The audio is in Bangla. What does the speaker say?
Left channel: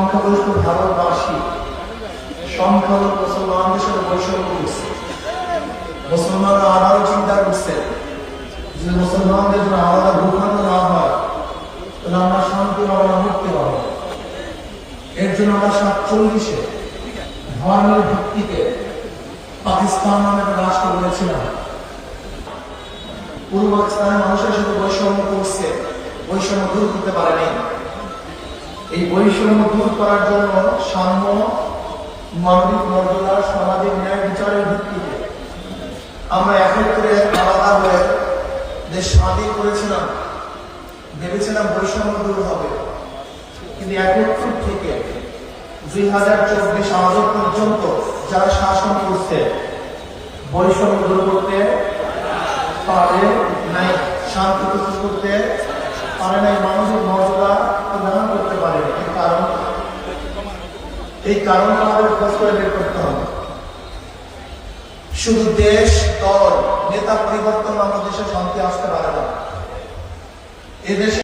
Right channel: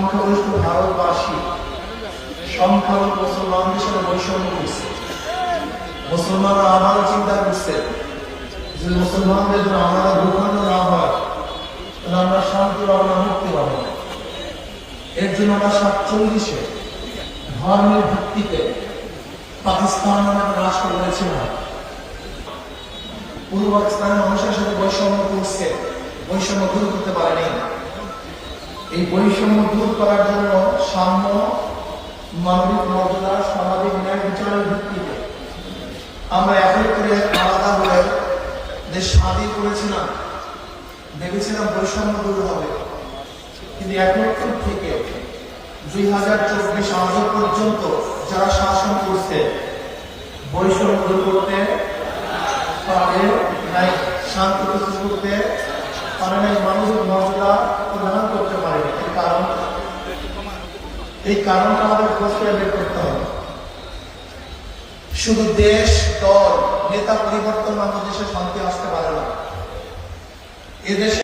সংখ্যাগরিষ্ঠ ভারতবাসী সংখ্যালঘু মুসলমানদের সাথে বৈষম্য করছে। মুসলমানরা আবারও চিন্তা করছে যে মুসলমানদের জন্য আলাদা ভূখণ্ড না হয় তাহলে আমরা শান্তি পাবো না, মুক্তি পাবো। এর জন্য আমরা 47-এ ধর্মের ভিত্তিতে পাকিস্তান নামে রাষ্ট্র বলেছিলাম। পূর্ব পাকিস্তানের মানুষের সাথে বৈষম্য করছে, বৈষম্য দূর করতে পারেনি। এই বৈষম্য দূর করার জন্য সাম্য, মানবিক মর্যাদা, সামাজিক ন্যায় বিচারের ভিত্তিতে আমরা এক করে আলাদা হয়ে দেশ স্বাধীন করেছিলাম, ভেবেছিলাম বৈষম্য দূর হবে। কিন্তু 71 থেকে 2024 আজ পর্যন্ত যারা শাসন করছে বৈষম্য দূর করতে পারে নাই, শান্তি প্রস্তুত করতে পারে নাই, মানবিক মর্যাদা প্রদান করতে পারে। এই কারণ আমাদের খোঁজ করে বের করতে হবে। শুধু দেশ, দল, নেতা পরিবর্তন আমাদের দেশে শান্তি আসতে পারে না। এদেশে